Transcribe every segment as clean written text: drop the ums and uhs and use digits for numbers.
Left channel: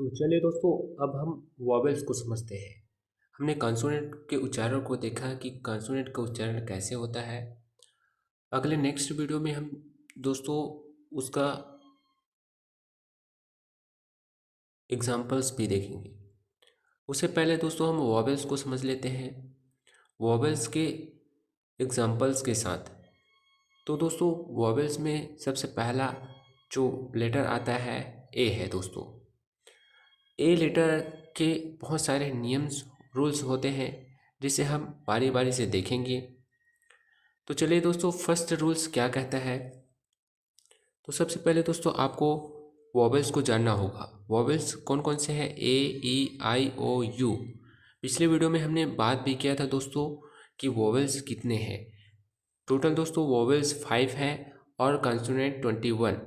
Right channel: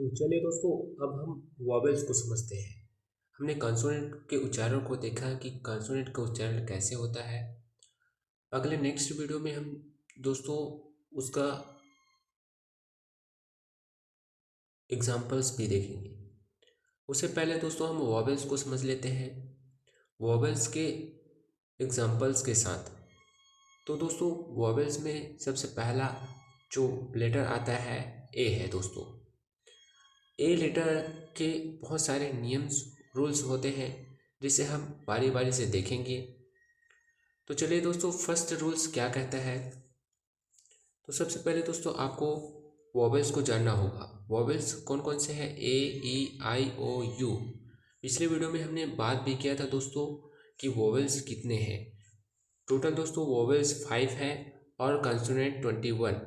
तो चलिए दोस्तों, अब हम वॉवेल्स को समझते हैं। हमने कॉन्सोनेंट के उच्चारण को देखा कि कॉन्सोनेंट का उच्चारण कैसे होता है। अगले नेक्स्ट वीडियो में हम दोस्तों उसका एग्जाम्पल्स भी देखेंगे। उससे पहले दोस्तों हम वॉवेल्स को समझ लेते हैं वॉवेल्स के एग्जाम्पल्स के साथ। तो दोस्तों वॉवेल्स में सबसे पहला जो लेटर आता है ए है दोस्तों। ए लेटर के बहुत सारे नियम्स रूल्स होते हैं जिसे हम बारी बारी से देखेंगे। तो चलिए दोस्तों, फर्स्ट रूल्स क्या कहता है। तो सबसे पहले दोस्तों आपको वॉवेल्स को जानना होगा। वॉवेल्स कौन कौन से हैं? ए, ई, आई, ओ, यू। पिछले वीडियो में हमने बात भी किया था दोस्तों कि वॉवेल्स कितने हैं। टोटल दोस्तों वॉवेल्स 5 हैं और कॉन्सोनेंट 21।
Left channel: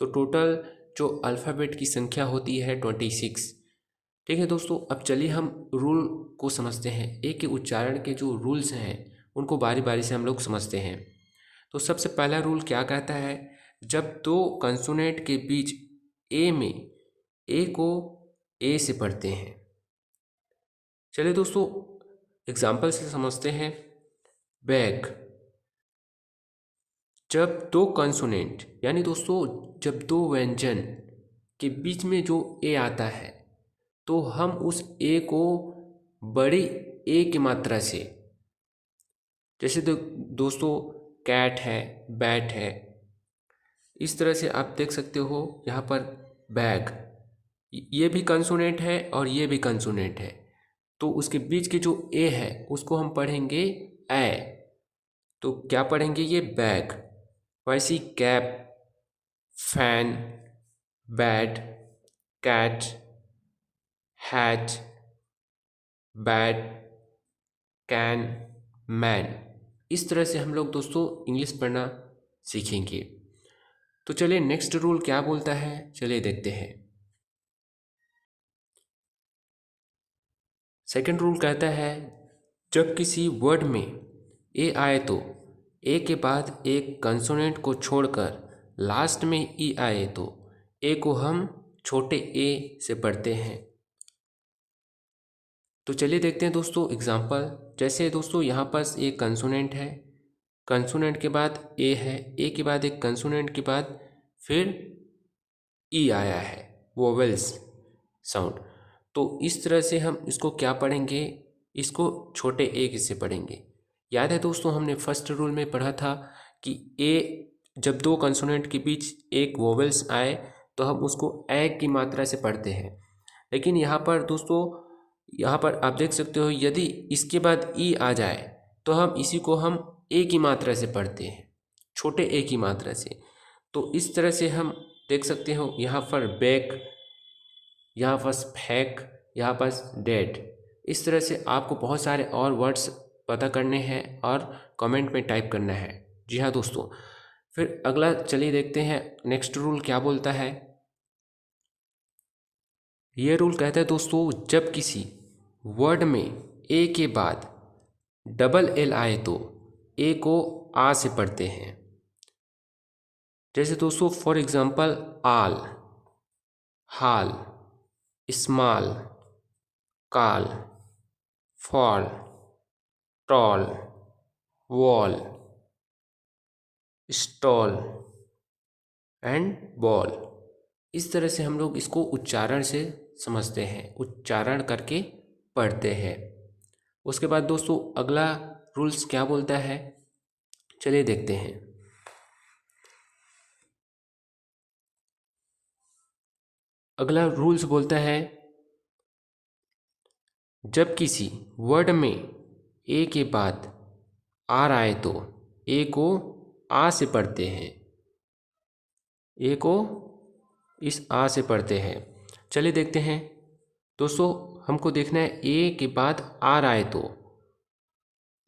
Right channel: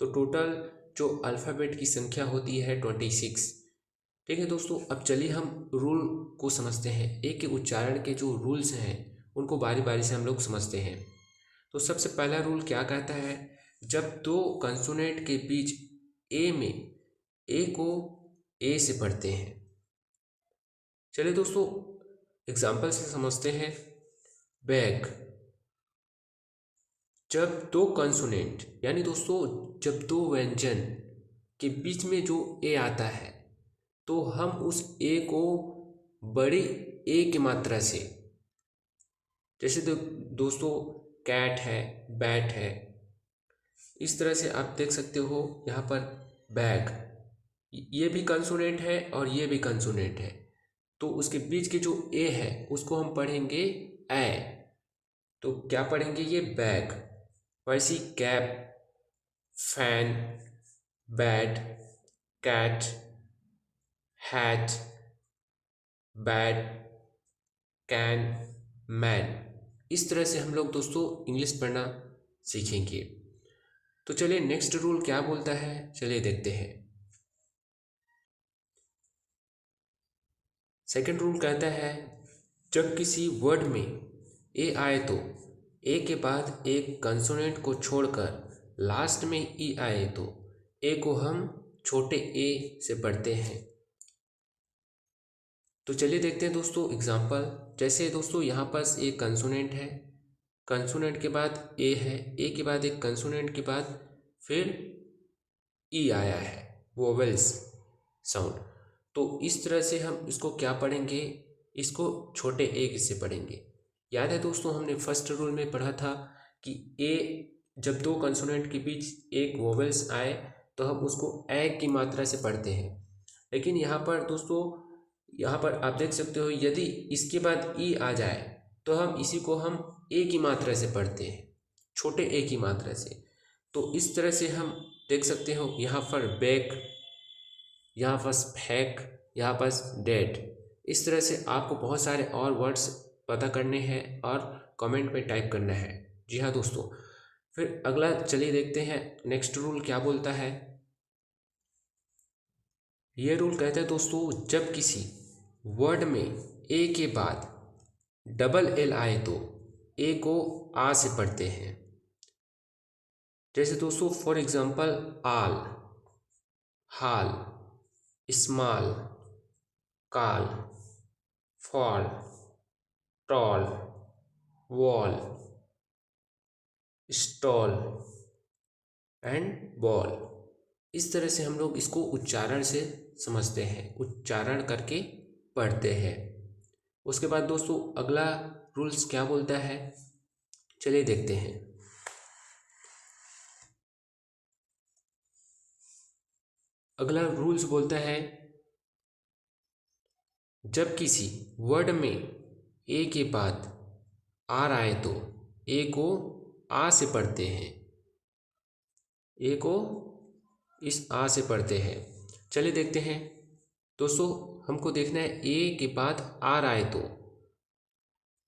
तो टोटल जो अल्फ़ाबेट की संख्या होती है 26। ठीक है दोस्तों, अब चलिए हम रूल को समझते हैं। ए के उच्चारण के जो रूल्स हैं उनको बारी बारी से हम लोग समझते हैं। तो सबसे पहला रूल क्या कहता है? जब दो कंसोनेंट के बीच ए में ए को ए से पढ़ते हैं। चलिए दोस्तों एग्जाम्पल से समझते हैं। बैग। जब दो कंसोनेंट यानी दोस्तों जब दो व्यंजन के बीच में जो ए आता है तो हम उस ए को बड़ी ए की मात्रा से, जैसे दोस्तों कैट है, बैट है, इस तरह से आप देख सकते हो यहाँ पर बैग। ये भी कंसोनेंट है और ये भी कंसोनेंट है। तो उसके बीच के जो ए है उसको हम पढ़ेंगे ए। तो क्या पढ़ेंगे? ये बैग। वैसी cap, fan, bat, cat, hat, bat, can, man. इस तरह से हम लोग दोस्तों इंग्लिश पढ़ना सीखेंगे। तो चलिए नेक्स्ट रूल क्या बोलता है, चलिए देखते हैं। सेकंड रूल कहता है जब किसी वर्ड में ए आए तो ए के बाद एक कंसोनेंट को छोड़कर लास्ट में ई आए तो ए को हम छोटे ए से पढ़ते हैं। तो चलिए देखते हैं दोस्तों एग्जाम्पल। जैसे दोस्तों यहाँ पर एक कंसोनेंट है, कंसोनेंट के बाद ए है, ए के बाद एक कंसोनेंट के बाद फिर ई आया है, वोवेल्स साउंड। तो इस तरह से हम इसको क्या पढ़ेंगे? इसको छोटे ए से पढ़ेंगे। याद है दोस्तों हमने फर्स्ट रूल में पढ़ा था कि ए जब दो कंसोनेंट के बीच एक वोवेल्स आए तो हम उसको ए की मात्रा से पढ़ते हैं। लेकिन यहाँ पर दोस्तों, यहाँ पर आप देख सकते हो यदि इसके बाद ई आ जाए तो हम इसी को हम ए की मात्रा से पढ़ते हैं, छोटे ए की मात्रा से। तो इस तरह से हम देख सकते हो यहाँ पर बैक, यहाँ पर फैक, यहाँ पर डेड। इस तरह से आपको बहुत सारे और वर्ड्स पता करने हैं और कमेंट में टाइप करना है। जी हाँ दोस्तों, फिर अगला चलिए देखते हैं नेक्स्ट रूल क्या बोलता है। ये रूल कहता है दोस्तों जब किसी वर्ड में ए के बाद डबल एल आए तो ए को आ से पढ़ते हैं। जैसे दोस्तों for example all, hall, small, call, fall, tall, wall, stall and ball. इस तरह से हम लोग इसको उच्चारण से समझते हैं, उच्चारण करके पढ़ते हैं। उसके बाद दोस्तों अगला रूल्स क्या बोलता है, चलिए देखते हैं। अगला रूल्स बोलता है जब किसी वर्ड में ए के बाद आर आए तो ए को आ से पढ़ते हैं, ए को इस आ से पढ़ते हैं। चलिए देखते हैं दोस्तों, हमको देखना है ए के बाद आर आए तो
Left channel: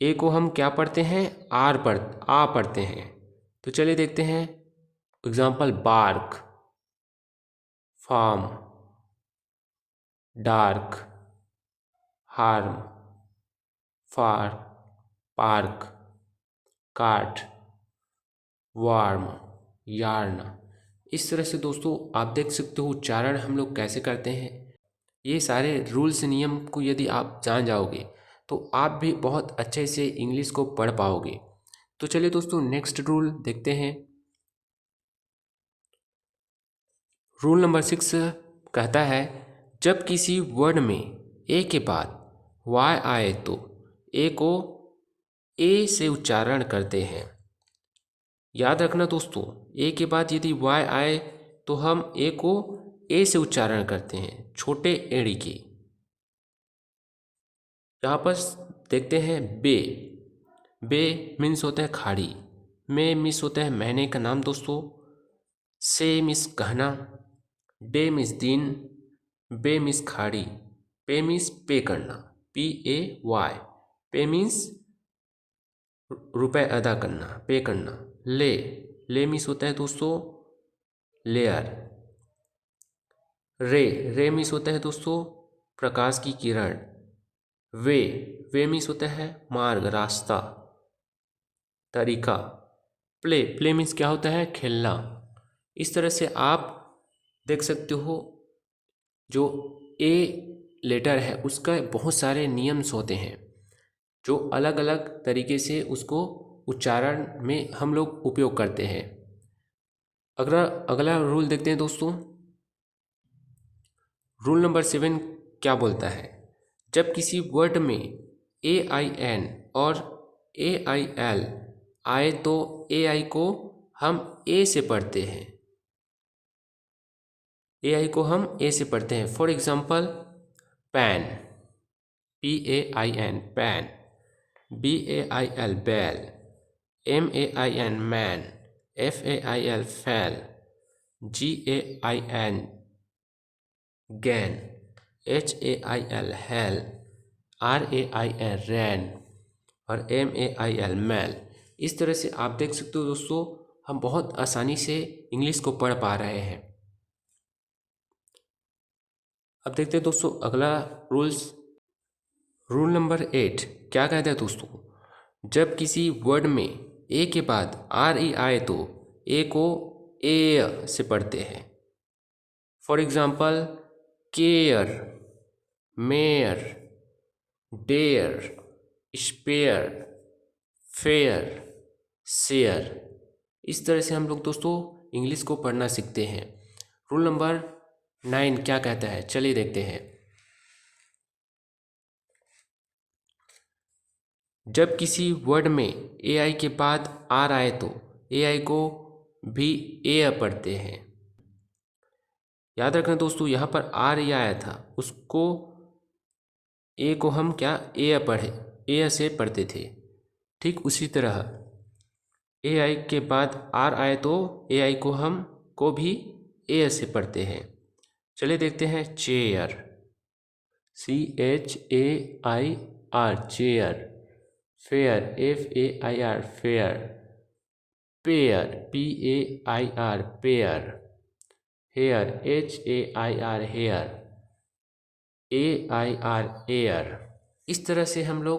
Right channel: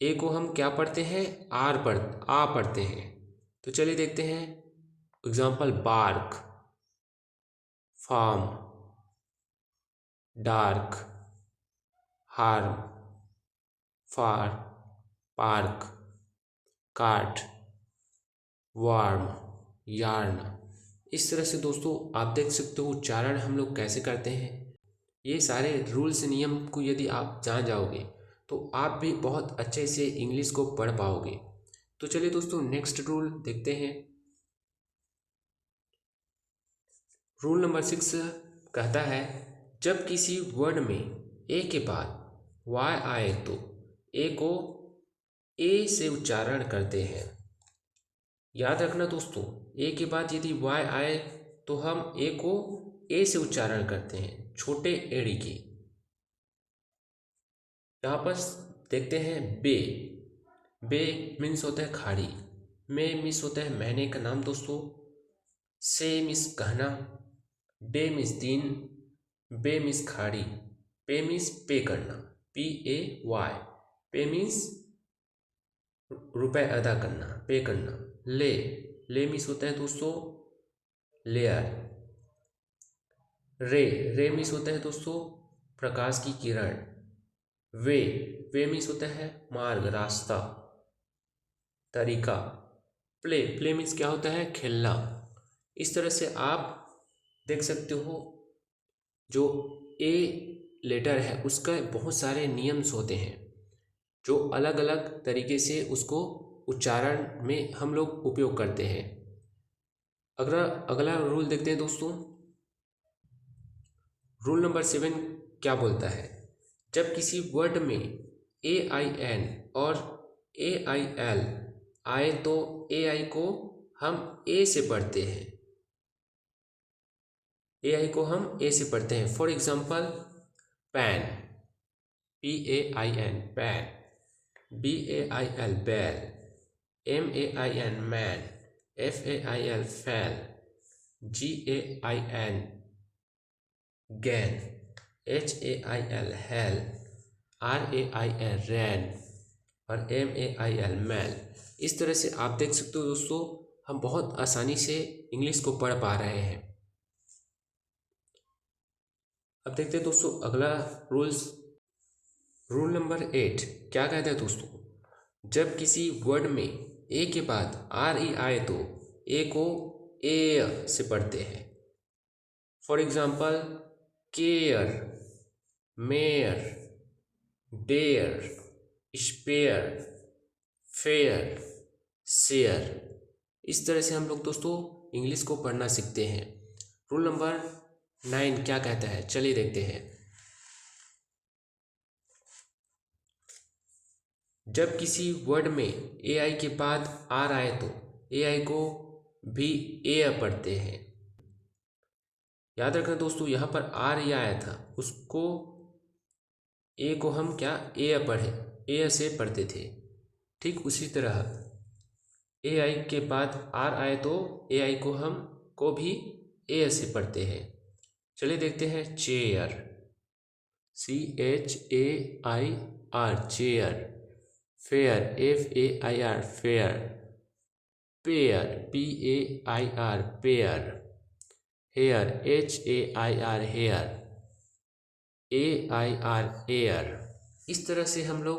ए को हम क्या पढ़ते हैं? आ पढ़ते हैं। तो चलिए देखते हैं example bark, farm, dark, harm, far, park, cart, warm, yarn. इस तरह से दोस्तों आप देख सकते हो उच्चारण हम लोग कैसे करते हैं। ये सारे रूल्स नियम को यदि आप जान जाओगे तो आप भी बहुत अच्छे से इंग्लिश को पढ़ पाओगे। तो चलिए दोस्तों नेक्स्ट रूल देखते हैं। रूल नंबर 6 कहता है जब किसी वर्ड में ए के बाद वाई आए तो ए को ए से उच्चारण करते हैं। याद रखना दोस्तों, ए के बाद यदि वाई आए तो हम ए को ए से उच्चारण करते हैं, छोटे एड़ी की। यहाँ पर देखते हैं बे। बे मीन्स होता है खाड़ी। में मीन्स होता है महीने का नाम दोस्तों। से मीन्स कहना। डे मीन्स दिन। बे मीन्स खाड़ी। पे मीन्स पे करना। PAY। पे मीन्स रुपए अदा करना, पे करना। ले। ले मीन्स होता है दोस्तों लेयर। रे। रे मीन्स होता है दोस्तों प्रकाश की किरण। वे। वे मीन्स होता है मार्ग, रास्ता, तरीका। प्ले। प्ले मीन्स क्या होता है खेलना। इस तरह से आप देख सकते हो जो ए लेटर है उसका बहुत सारे नियम्स होते हैं जो अलग अलग तरीके से उसको उच्चारण में हम लोग उपयोग करते हैं। अगला अगला रूल देखते हैं दोस्तों। रूल नंबर 7 क्या बोलता है जब किसी वर्ड में AIN और AIL आए तो AI को हम ए से पढ़ते हैं। AI को हम ए से पढ़ते हैं। For example pain, PAIN pain. BAIL bail. MAIN main. FAIL fail. GAIN gain. HAIL hail. RAIN rain और MAIL मैल। इस तरह से आप देख सकते हो दोस्तों हम बहुत आसानी से इंग्लिश को पढ़ पा रहे हैं। अब देखते हैं दोस्तों अगला रूल्स। रूल नंबर 8 क्या कहता है दोस्तों जब किसी वर्ड में ए के बाद RE आए तो ए को ए से पढ़ते हैं। For example care, mare, dare, spare, fair, share. इस तरह से हम लोग दोस्तों इंग्लिश को पढ़ना सीखते हैं। रूल नंबर 9 क्या कहता है चलिए देखते हैं। जब किसी वर्ड में AI के बाद R आए तो AI को भी ए पढ़ते हैं। याद रखना दोस्तों यहाँ पर R या आया था उसको ए को हम क्या ए से पढ़ते थे। ठीक उसी तरह AI के बाद R आए तो AI को हम को भी ए से पढ़ते हैं। चलिए देखते हैं chair, CHAIR chair. Fair, FAIR fair. Pair, PAIR pair. Hair, HAIR hair. AIR air. इस तरह से हम लोग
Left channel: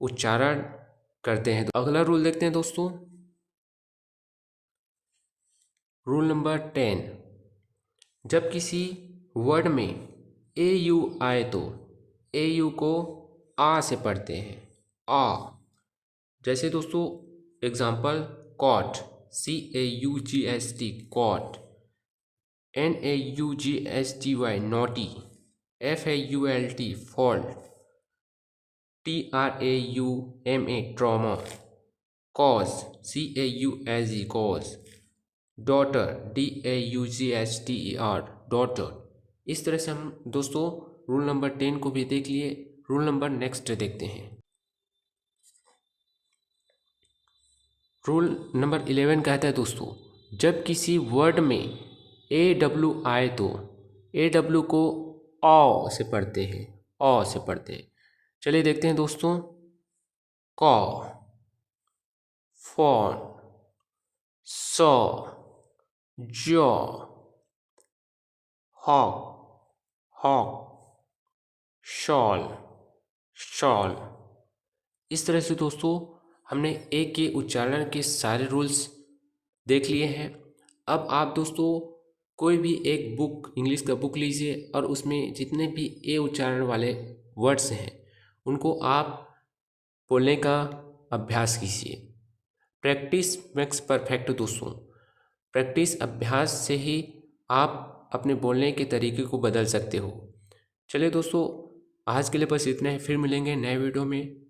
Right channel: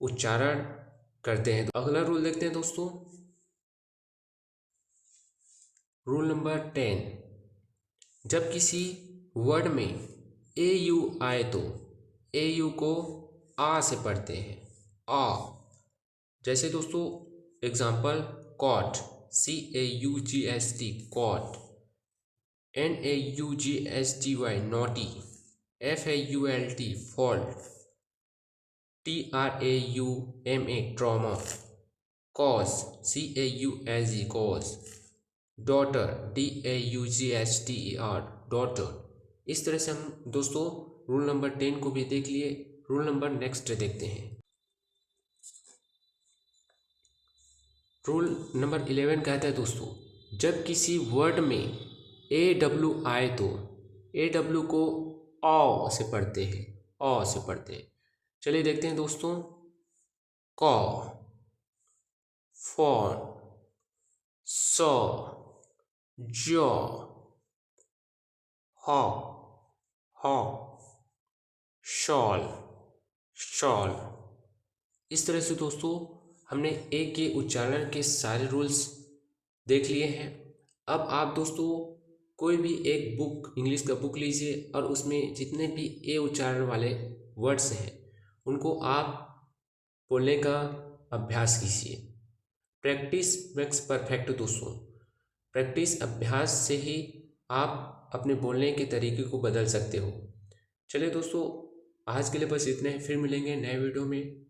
उच्चारण करते हैं। अगला रूल देखते हैं दोस्तों। रूल नंबर 10 जब किसी वर्ड में AU आए तो AU को आ से पढ़ते हैं। आ। जैसे दोस्तों example caught, CAUGST caught. NAUGSTY naughty. FAULT fault. TRAUMA trauma. Cause, CAUSE cause. Daughter, DAUGHTER daughter. इस तरह से हम दोस्तों रूल नंबर 10 को भी देख लिए। रूल नंबर नेक्स्ट देखते हैं। रूल नंबर 11 कहता है दोस्तों जब किसी वर्ड में AW आए तो AW को औ से पढ़ते हैं। औ से पढ़ते हैं। चलिए देखते हैं दोस्तों। Caw, for, saw, jaw, hawk, hawk, shawl, shawl. इस तरह से दोस्तों हमने ए के उच्चारण के सारे रूल्स देख लिए हैं। अब आप दोस्तों कोई भी एक बुक, इंग्लिश का बुक लीजिए और उसमें जितने भी ए उच्चारण वाले वर्ड्स हैं उनको आप बोलने का अभ्यास कीजिए। प्रैक्टिस मेक्स परफेक्ट दोस्तों। प्रैक्टिस अभ्यास से ही आप अपने बोलने के तरीके को बदल सकते हो। चलिए दोस्तों, आज के लिए बस इतना ही। फिर मिलेंगे नए वीडियो में।